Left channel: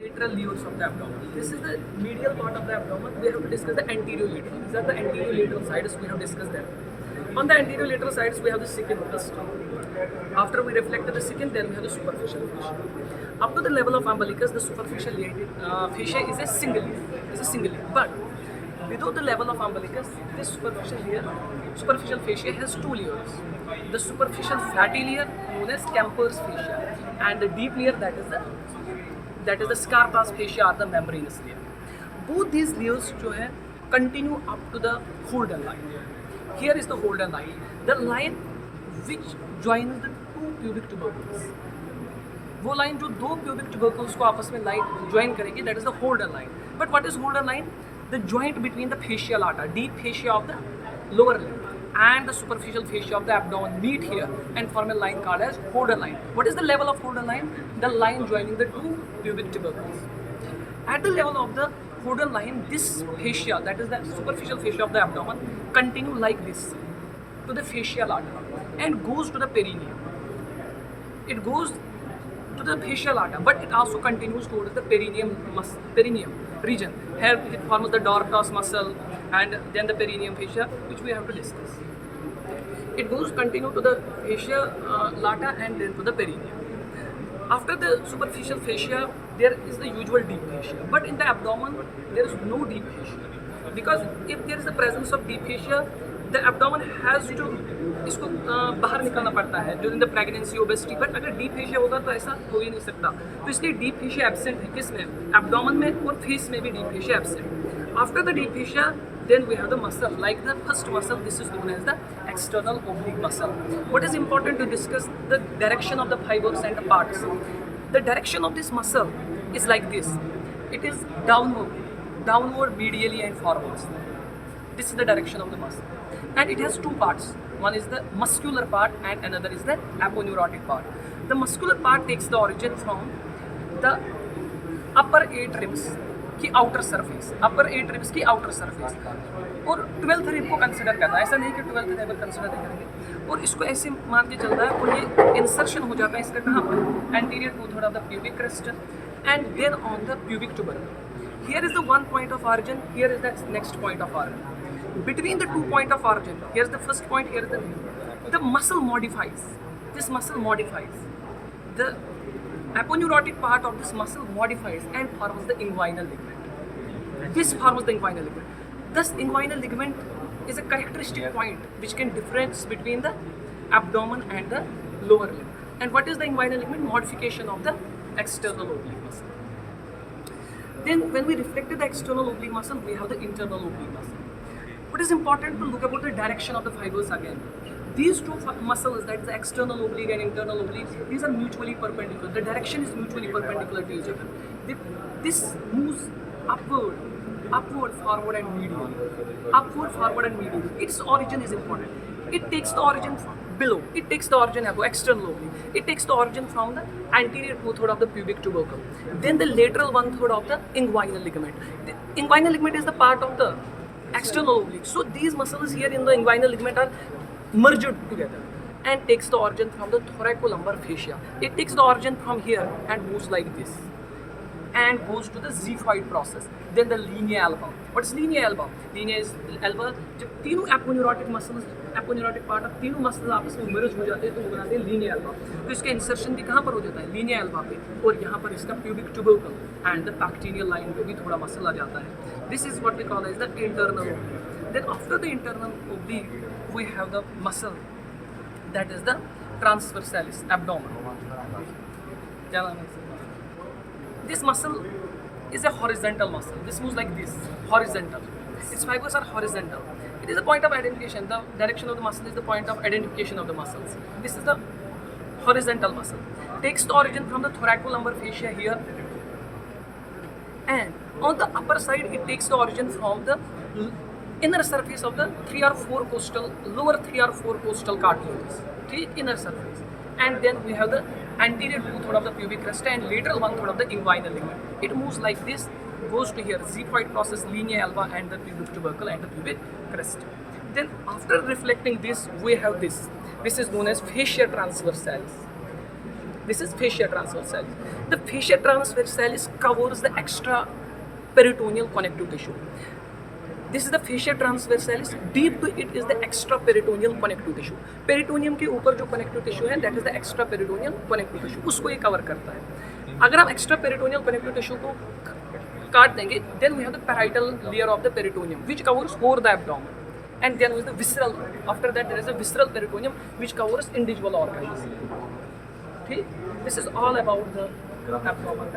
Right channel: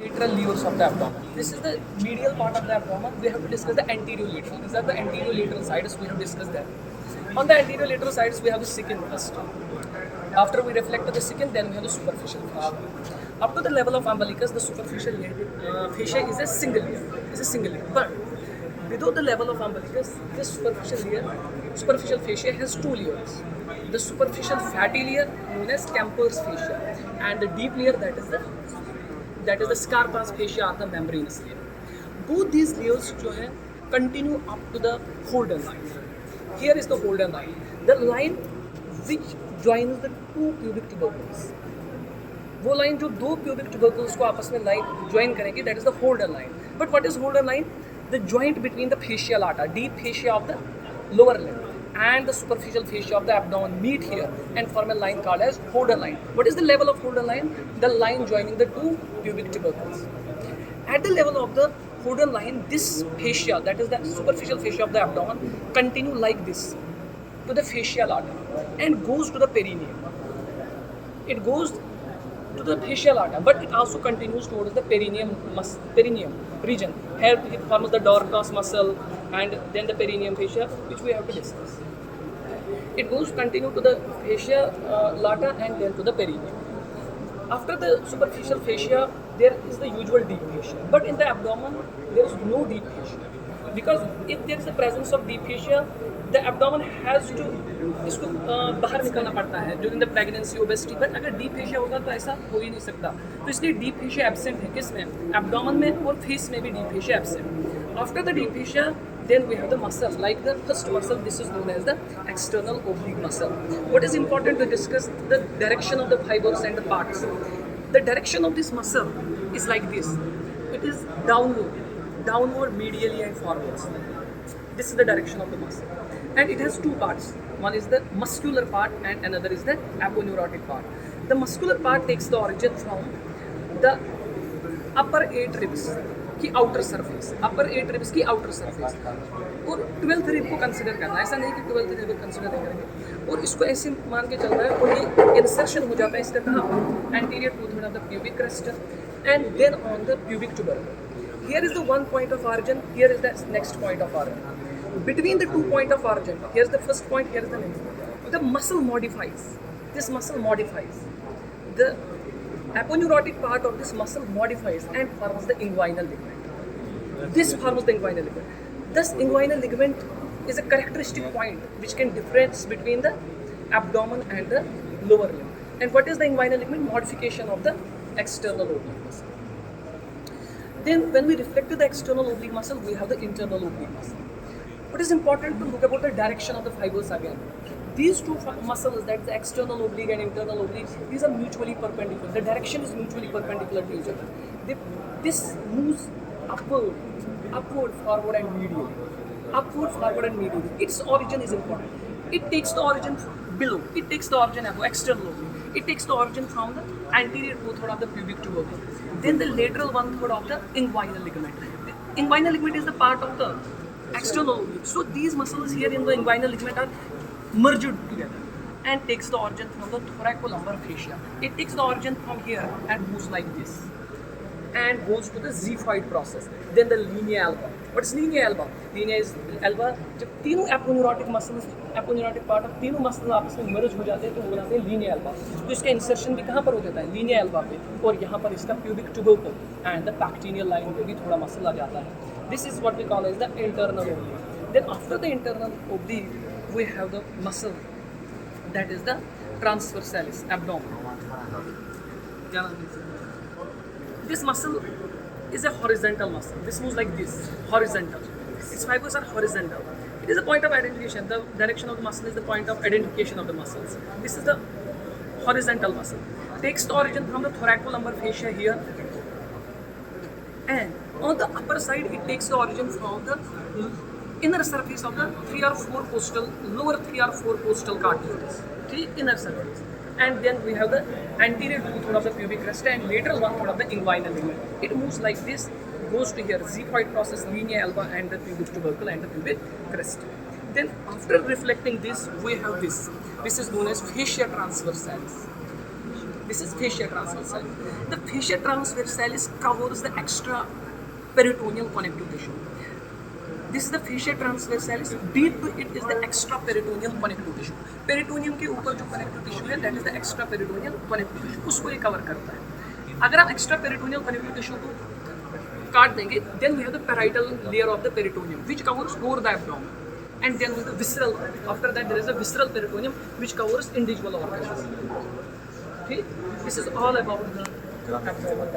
Lateral levers of the abdomen. This is the medial part of the abdomen. We have to discuss the anterior lateral. These are the anterior lateral sides. We have discussed that. On the anterior lateral sides, we have the secant first. After we reflect the secant, then we have the superficial fascia. Up to the level of umbilicus, the superficial fascia is a single layer. But below the level of umbilicus, this superficial fascia has two layers. The superficial fatty layer known as Camper's fascia, and the deep layer that is the Scarpa's fascia or the membranous layer. Both these layers जो है continue up to the Holden line. Here is the Holden line, the line which joins the two pubic tubercles. वो line जो दो pubic tubercles को आपस में line join करेगी, that is the Holden line. But what is Holden line? The joint between the fascia lata, deep fascia of the lower limb, and the superficial fascia of the abdomen meet here and form a line called as Holden line. What is the level of Holden line? The line joining the two pubic tubercles. At the level of the Holden line, this fascia, that is the superficial fascia of the abdomen, continue like this to the fascia lata and goes to the perineum. It goes to the fascia lata, but it also continues towards the perineum region. Here it forms the dorcas muscle and then the perineum fascia, which we have to discuss. It goes continue to the fascia lata and then to the perineum. After the superficial fascia, there is the usual deep fascia, but in the abdomen there is no deep fascia, because if there is the presence of deep fascia, the abdomen has to इसको बाहर निकालना पड़ता है during the pregnancy obesity. But अगर deep fascia होगा तो ऐसा हो ही नहीं सकता, तो इसलिए डीप फेशिया एब्सेंट है. किस में? एब्डोमेन में और फेस में भी deep fascia absent. After the deep fascia then we have the muscle, like the first muscle. This is known as the external oblique muscle. What is important to discuss? The direction of the fibers and the parts. The direction of this muscle is like this. It is downward medially and forwards. This is the direction of the muscle, and it has two parts. One is the muscular part and another is the aponeurotic part. The muscular part takes the origin from the upper 8 ribs की outer surface, upper 8 ribs की outer surface, और 12th rib को consider करना है. ऐसा नहीं कि 12th rib consider नहीं करेंगे, और इसको ऐसे मान के चलना है. और ये इंसर्शन हो जाता है इसका कहाँ? Anterior two third of the pubic crest and then on the pubic tubercle. Here is the one point of origin, here is the next point of origin. Between the 2 point of origin, here is the first point, here is the next. The muscle modifies. This muscle modifies. The aponeurotic part of this muscle modifies and forms the inguinal ligament. This forms the inguinal ligament. Thus, inguinal ligament is a characteristic point which can difference between the abdomen and the lower limb. And what is the inguinal ligament? Modification of the external oblique muscle. Then, when we reflect the external oblique muscle, we have the internal oblique muscle. What is important to look about the direction of the fibers again? These two muscles, that is the external oblique and internal oblique, these are mutually perpendicular. The direction is mutually perpendicular to each other. This moves upward, forward and medial. Upward, forward and medial. Its origin is important. It takes the origin from below. It takes the origin above, external oblique. It takes the origin from the anterior 2/3 of the pubic tubercle. Then the lateral 1/3 of the inguinal ligament. The inguinal ligament is the part of the external oblique. So these muscles here in the inguinal ligament are merged together and takes the origin from the thoracolumbar fascia. It takes the origin from here and moves like this and goes to the xiphoid process. Then the linea alba. What is linea alba? Linea is alba. जब तीनों aponeurotic muscles, aponeurotic part of तीनों muscles आपस में merge हो जाते हैं तो वो बनाते हैं linea alba. तो इसका insertion भी कहाँ पर हो जाता है? Linea alba पे, और यहाँ पर इसका pubic tubercle and the pectineal line पे भी थोड़ा muscle आ जाता है. This is what we call as the internal oblique. Then after the internal oblique, we have the muscle that is the transversalis, abdomen. This muscle is a horizontal muscle. This moves like this, horizontal. Its fibers are horizontal. It is a point of identification. The direction of the muscle is the point of identification of the muscles. This is the horizontal muscle. Takes the origin from the thoracolumbar fascia here, and on the upper side it takes the origin from the inner surface of the 3 or 4 costal, lower 3 or 4 costal cartilages, inner surface. And then we have the anterior 2/3 of the pubic crest and lateral 1/3 of the inguinal ligament. It moves like this, goes to here, xiphoid process, linea alba and the pubic tubercle and the pubic crest. Then after reflecting this, we have this. This is known as fascia transversalis. This is fascia transverse cell. The fascia transversalis covers the extra peritoneal connective tissue. This is the fascia transversalis. Deep to it is the extra peritoneal connective tissue. Peritoneum के ऊपर जो connective tissue है, that is the extra peritoneal connective tissue. उसको ये cover करता है. अगर हम extra peritoneal connective tissue को काट देंगे, then we have the parietal layer of the peritoneum, which covers over the abdomen. And then with the visceral. After that, there is a visceral peritoneum, which covers individual organs. Okay? This is all about the abdomen.